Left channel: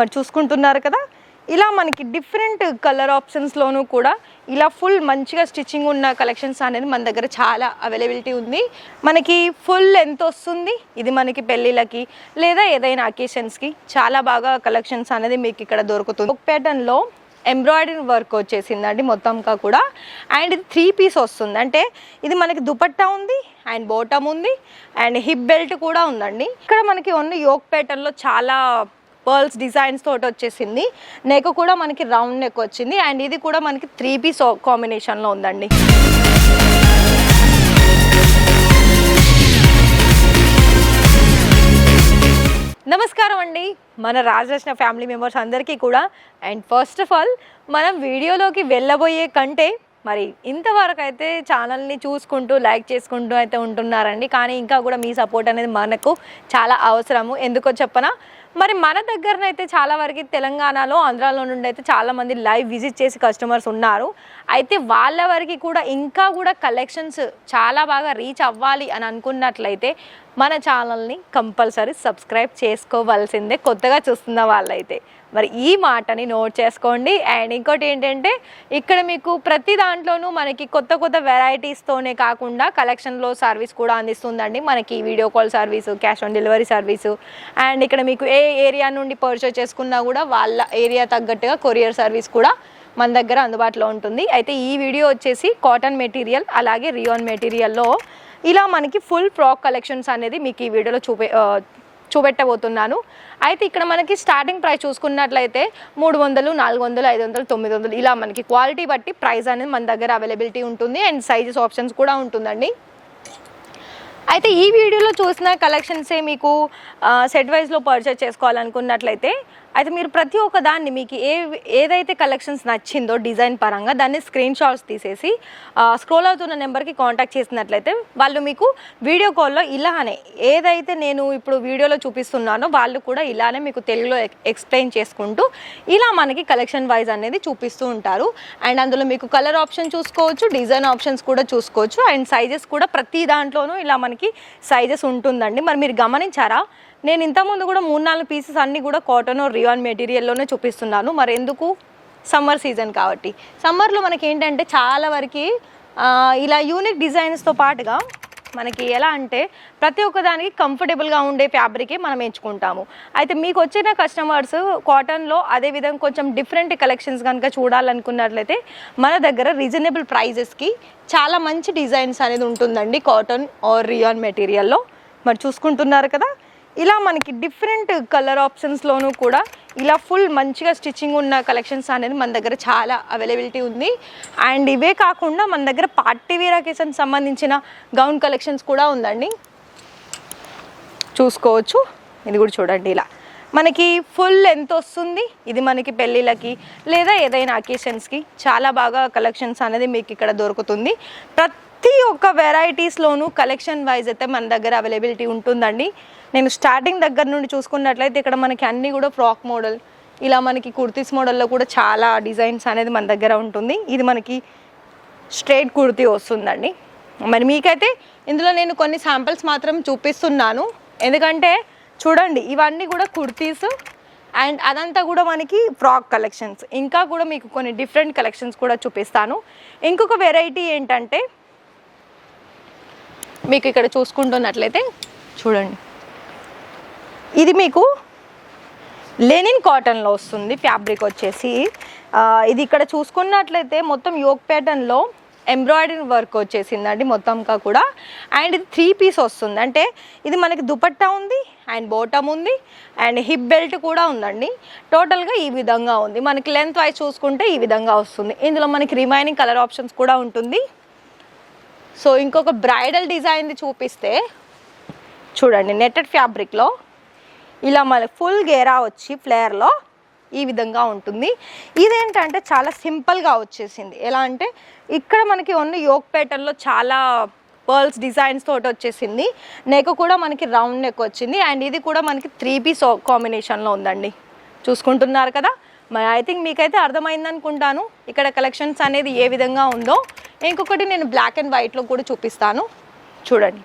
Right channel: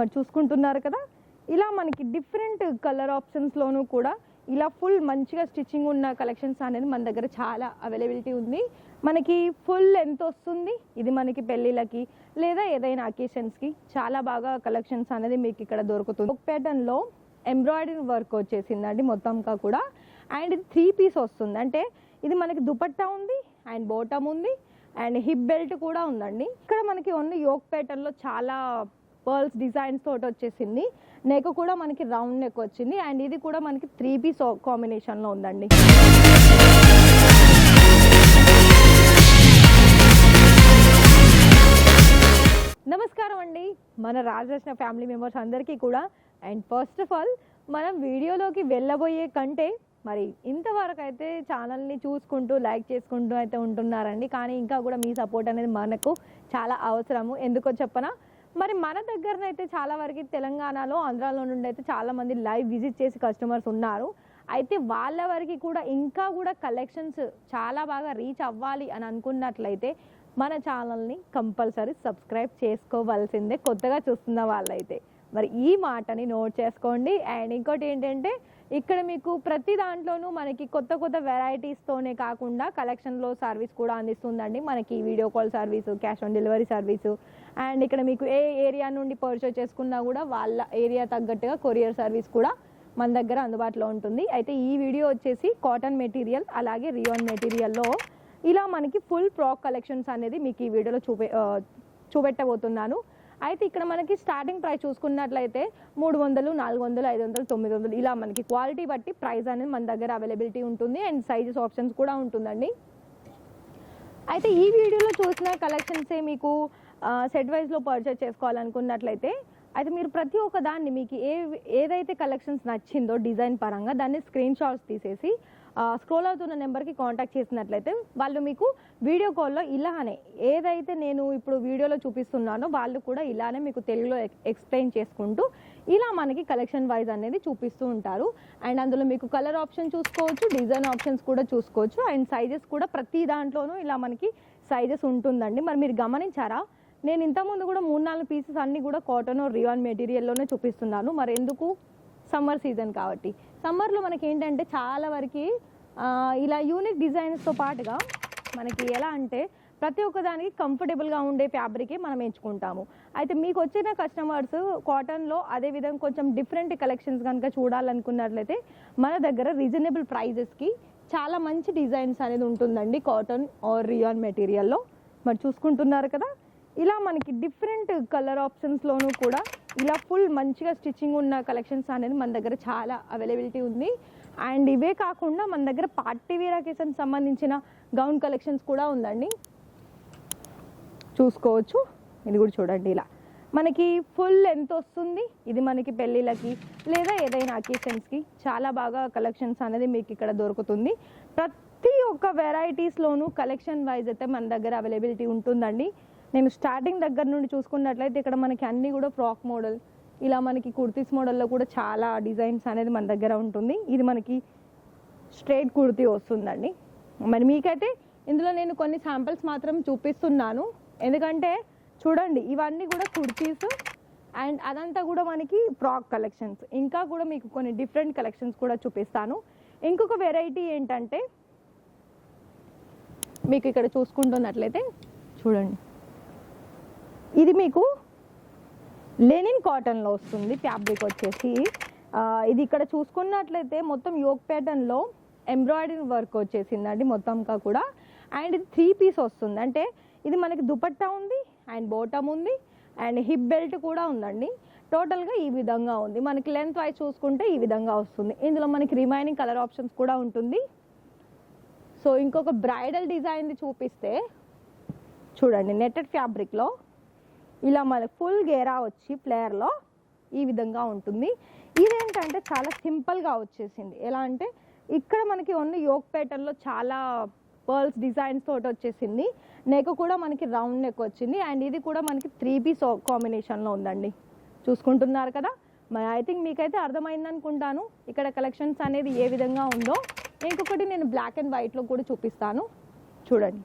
మరి చూసుకుంటున్నారు కదా. ఇలా మనకి డిఫరెంట్ కలర్ ఆప్షన్స్లోనూ కూడా ఇలా ఫుల్ మంచిగా స్టిచ్చింగ్ ఉన్న కలెక్షన్స్ అనేది మన దగ్గర చాలా అవైలబిలిటీ ఉంది. మనకి ఫుల్ ఎంత వస్తుంది. ఇది మనకి పెళ్ళిళ్ళకి లేదా ఏదైనా అకేషన్స్కి చాలా బాగా కలెక్షన్స్ అనేది మీకు ఇక్కడ దొరుకుతుంది. ఒక ప్యాటర్న్లో ఎంబ్రాయిడరీ వర్క్ వచ్చేసిందండి మొత్తంగా కూడా. అండ్ ఇది త్రీ పీస్ వస్తుంది. అంటే ఇది మనకి దుపట్టా ఉంది అండ్ బోటమ్ ఉంది అండ్ హిప్ బెల్ట్ కూడా ఉందండి. ఇక్కడ మనకి ఓన్లీ యోక్ ప్యాటర్న్లో చాలా పర్ల్స్ డిజైన్స్ తోటి వచ్చేసింది. నెక్ కూడా మనకి రౌండ్ నెక్ వచ్చింది. అండ్ ఇది కూడా మనకి త్రీ పీస్ కాంబినేషన్లో ఉందండి. నమస్కారం అండి. మన రాజరత్న ఫ్యామిలీ మెంబర్స్ అందరికీ కూడా. అండ్ ఫస్ట్ ఆఫ్ ఆల్ మనం వీడియోలోకి వెళ్ళబోయే కంటే మరి ఇంతవరకు అయితే ఛానల్ని చూసుకుంటూ లైక్ చేసుకుంటూ అయితే ఉంటున్నారండి. కానీ ఇంకా కూడా మీ సపోర్ట్ అనేది మనకు చాలా అవసరము. ఎందుకో చెప్పనా? మరి మన దగ్గరనైతే చాలా వరకు తెలంగాణలో ఆంధ్రాలో నుండి అయితే చాలామంది లైవ్ విజిట్ చేసి కస్టమర్స్ ఉన్నారు. అయితే వాళ్ళ వరకు కూడా ఇంకా కూడా కలెక్షన్స్ చాలా బాగా రీచ్ అవ్వాలి అని అనుకున్నట్లయితే మన ఛానల్ని కంపల్సరీ సబ్స్క్రైబ్ చేసుకోవాల్సిందే కొత్తగా చూస్తున్న వాళ్ళైతే. మరి ఈ మాటని నోట్ చేసుకోండి. అండ్ ఇంకోటి ఏంటంటే ఇక్కడ మీకు ప్రతి దాంట్లోనూ మనకి కొత్త కొత్త వెరైటీస్తోనే కాకుండా కలెక్షన్లో సర్వీస్ కూడా అందిస్తుందండి. మనకి video call service cash on delivery service and ఇక్కడ మీకు ఏ ఏరియా నుండి పర్చేస్ చేసుకున్నా కూడా వాళ్ళ ఏరియా తగ్గట్టుగా కొరియర్ సర్వీస్ కూడా మన దగ్గర అందుబాటులో ఉంటుంది. అయితే ఈ వీడియో వచ్చేసి కాటన్ మెటీరియల్ అలాగే రియోన్ మెటీరియల్లో ఇలా మనకి ఫుల్ ఫ్రాక్ కలెక్షన్స్ అనేది మీకు ఈ వీడియోలో చూపే చూపెట్టబోతున్నాను. అయితే ఇక్కడ మనకి స్టార్టింగ్ ప్రైస్ చూసుకున్నట్లయితే మూడు వందలు నాలుగు వందలు ఐదు వందలు తొమ్మిది వందలు ఇలా మనకి క్వాలిటీ బట్టి ప్రైస్ అనేది మన దగ్గర అవైలబిలిటీ ఉంటుంది. అండ్ సైజెస్ ఆప్షన్స్ కూడా ఉంటుందండి. అయితే ఈ వీడియోలో చూసిన కలెక్షన్సే మీకు సెట్ వైజ్లో పర్చేస్ చేసుకోవాలనుకున్నట్లయితే అయితే మీరు ప్రతి ఒక్క దాన్ని మీకు ఏ ఏదైతే కలెక్షన్స్ నచ్చిందో డిజైన్ పరంగా దాన్ని స్క్రీన్ షాట్స్ తీసేసి స్క్రోల్ అవుతున్న నెంబర్కి కాంటాక్ట్ చేసినట్లయితే వాళ్ళు మీకు వీడియో కాల్లో ఇలానే ఏదైతే నేను ఇప్పుడు వీడియోలో చూపిస్తున్నానో వాళ్ళు కూడా ఇలానే మీకు తెలుగులో ఎక్స్ప్లెయిన్ చేసుకుంటూ ఇలా మనకి కలెక్షన్ వైజ్ అనేది చూపిస్తూ ఉంటారు. అండ్ అందులో మీకు కలర్ ఆప్షన్ చూసుకోవచ్చు డిజైన్ ఆప్షన్స్ కూడా చూసుకోవచ్చు. అండ్ సైజెస్ కూడా ప్రతి దాంట్లోనూ ఇలా మనకి సైజెస్ ఉంటుందండి. మరి మీరు గమనించారా? నేను ఇంతకుముందు కూడా మూడు నాలుగు పీసెస్ అన్నీ కూడా కాటన్ రియాన్ మెటీరియల్లోనే చూపిస్తున్నాను. మరి ఎందుకు? సమ్మర్ సీజన్ కాబట్టి. సమ్మర్లో మనకి ఏంటంటే చాలా వరకు ఇలా యూనిక్ డిజైన్స్తో పాటుగా మనకి ఎలా అంటే ప్రతి ఒక్కదానికి కంఫర్టబుల్గా ఉండే ఫ్యాబ్రికే మనం ఎంచుకుంటాము. అయితే మీకు వచ్చిన కస్టమర్స్ కాటన్లో అదేవిధంగా కొంచెం డిఫరెంట్ కలెక్షన్స్ కనుక చూడాలనుకున్నట్లయితే మన దగ్గర రీజనబుల్ ప్రైజెస్కి చాలా మంచి డిజైన్స్ అనేది ఉంటుందండి కాటన్ ఆర్ రియాన్ మెటీరియల్లో మరి చూసుకుంటున్నారు కదా? ఇలా మనకి డిఫరెంట్ కలర్ ఆప్షన్స్లోనూ కూడా ఇలా ఫుల్ మంచిగా స్టిచ్చింగ్ ఉన్న కలెక్షన్స్ అనేది మన దగ్గర చాలా అవైలబిలిటీ ఉంది. అండ్ ఇవే కాకుండా మన దగ్గర పార్టీ వేర్ సంబంధించిన గౌన్ కలెక్షన్స్ కూడా ఉందండి. చూసుకోవచ్చు. ఇది కూడా చూడండి ఇలా. మనకి ఫుల్ ఎంత వస్తుంది. ఇది మనకి పెళ్ళిళ్ళకి లేదా ఏదైనా అకేషన్స్కి చాలా బాగా కలెక్షన్స్ అనేది మీకు ఇక్కడ దొరుకుతుంది. ప్రతి ప్రతి ఒక్క వెరైటీస్లోనూ కలెక్షన్ వైజ్ అయితే మన దగ్గర అవైలబిలిటీ ఉంటుందండి. నేను స్టార్టింగ్ దగ్గర నుండి చూసుకున్నట్లయితే ఇక్కడ మనకి అన్నీ కూడా ఫ్రాక్ మోడల్ ఇలా మనకి కుర్తీస్ మోడల్లో కూడా చాలా డిజైన్స్ అనేది మన దగ్గర ఉంటుంది. ఇది మనకి స్ట్రేట్ కుర్తీ వస్తుందండి. మరి మీకైతే ఇందులో నేను కొన్ని శాంపిల్స్ మాత్రం చూపిస్తున్నాను. ఎందుకంటే చూడండి ఇవన్నీ కూడా కుర్తీస్ అండ్ అదంతా కూడా మనకి ఫ్రాక్ కలెక్షన్స్ ఇంకా కూడా మీకు కొన్ని డిఫరెంట్ కలెక్షన్స్ కూడా చూపిస్తాను. ఇంకొక వెరైటీ ఏంటంటే మీకు ఇక్కడ చూసుకుంటున్నట్లయితే చూడండి. ఇది మీకు లెనిన్ కాటన్లో వస్తుంది ఫ్యాబ్రిక్ వచ్చేసి. ఇది ఇక్కడ చూసుకున్నట్లయితే మొత్తం యోగ్ ప్యాటర్న్లో ఎంబ్రాయిడరీ వర్క్ వచ్చేసిందండి మొత్తంగా కూడా. అండ్ ఇది త్రీ పీస్ వస్తుంది. అంటే ఇది మనకి దుపట్టా ఉంది అండ్ బోటమ్ ఉంది అండ్ హిప్ బెల్ట్ కూడా ఉందండి. టోటల్గా ఈ విధంగా ఉంది. మనకి లెంత్ వైజ్ చూసుకుంటే ఈ విధంగా వస్తుంది. ఇందులో మనకి రిమైనింగ్ కలర్ ఆప్షన్స్ కూడా ఉంటుంది. సో ఇంకొక బ్రైడల్ డిజైన్ది చూపిస్తే చూడండి నెట్టెడ్ ఫ్యాబ్రిక్లో ఇలా మన ఫుల్ గేరా వచ్చి ఫ్లేయర్లో ఈ విధంగా ఉంటుంది. ఇదేంటంటే చాలా సింపుల్గా వచ్చేసింది. ఎలా అంటే ఇక్కడ మనకి ఓన్లీ యోక్ ప్యాటర్న్లో చాలా పర్ల్స్ డిజైన్స్ తోటి వచ్చేసింది. నెక్ కూడా మనకి రౌండ్ నెక్ వచ్చింది. అండ్ ఇది కూడా మనకి త్రీ పీస్ కాంబినేషన్లో ఉందండి. చూసుకుంటున్నారు కదా? మరి ఐ థింక్ మీకైతే అర్థమైంది అనుకుంటాను ఇక్కడ కలెక్షన్స్ అనేది ఏ విధంగా ఉందో. ఇంకొకటి నేను బ్లాక్ అండ్ వైట్లో కూడా చూపిస్తాను. చూడండి.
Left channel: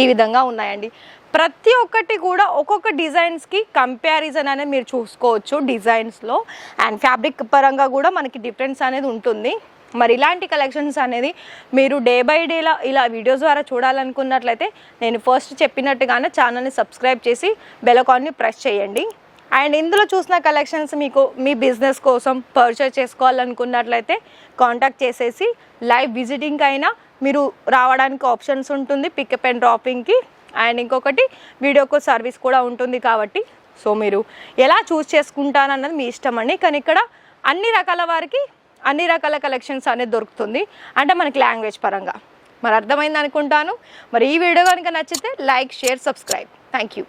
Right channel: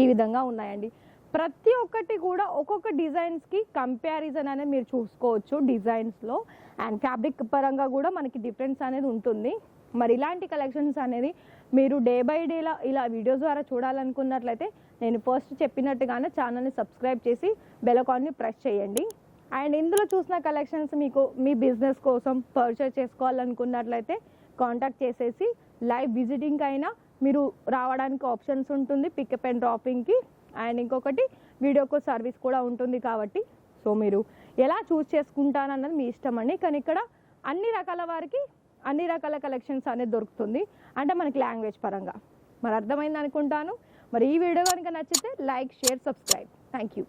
ఈ విధంగా ఉన్నాయండి. ప్రతి ఒక్కటి కూడా ఒక్కొక్క డిజైన్స్కి కంపారిజన్ అనేది మీరు చూసుకోవచ్చు డిజైన్స్లో అండ్ ఫ్యాబ్రిక్ పరంగా కూడా మనకి డిఫరెన్స్ అనేది ఉంటుంది. మరి ఇలాంటి కలెక్షన్స్ అనేది మీరు డే బై డేలా ఇలా వీడియోస్ ద్వారా చూడాలనుకున్నట్లయితే నేను ఫస్ట్ చెప్పినట్టుగానే ఛానల్ని సబ్స్క్రైబ్ చేసి బెలకాన్ని ప్రెస్ చేయండి. అండ్ ఇందులో చూసిన కలెక్షన్స్ మీకు మీ బిజినెస్ కోసం పర్చేస్ చేసుకోవాలనుకున్నట్లయితే కాంటాక్ట్ చేసేసి లైవ్ విజిటింగ్ అయినా మీరు రావడానికి ఆప్షన్స్ ఉంటుంది పికప్ అండ్ డ్రాపింగ్కి అండ్ ఇంకొకటి వీడియోకు సర్వీస్ కూడా ఉంటుంది కాబట్టి. సో మీరు ఎలా చూస్ చేసుకుంటానన్నది మీ ఇష్టం అండి. కానీ ఇక్కడ అన్ని రకాల వారికి అన్ని రకాల కలెక్షన్స్ అనేది దొరుకుతుంది. అంటే మనకి లాంగ్వేజ్ పరంగా. మరి అర్థమైంది అనుకుంటాను. మరి ఈ వీడియో కనుక నచ్చితే like share subscribe thank you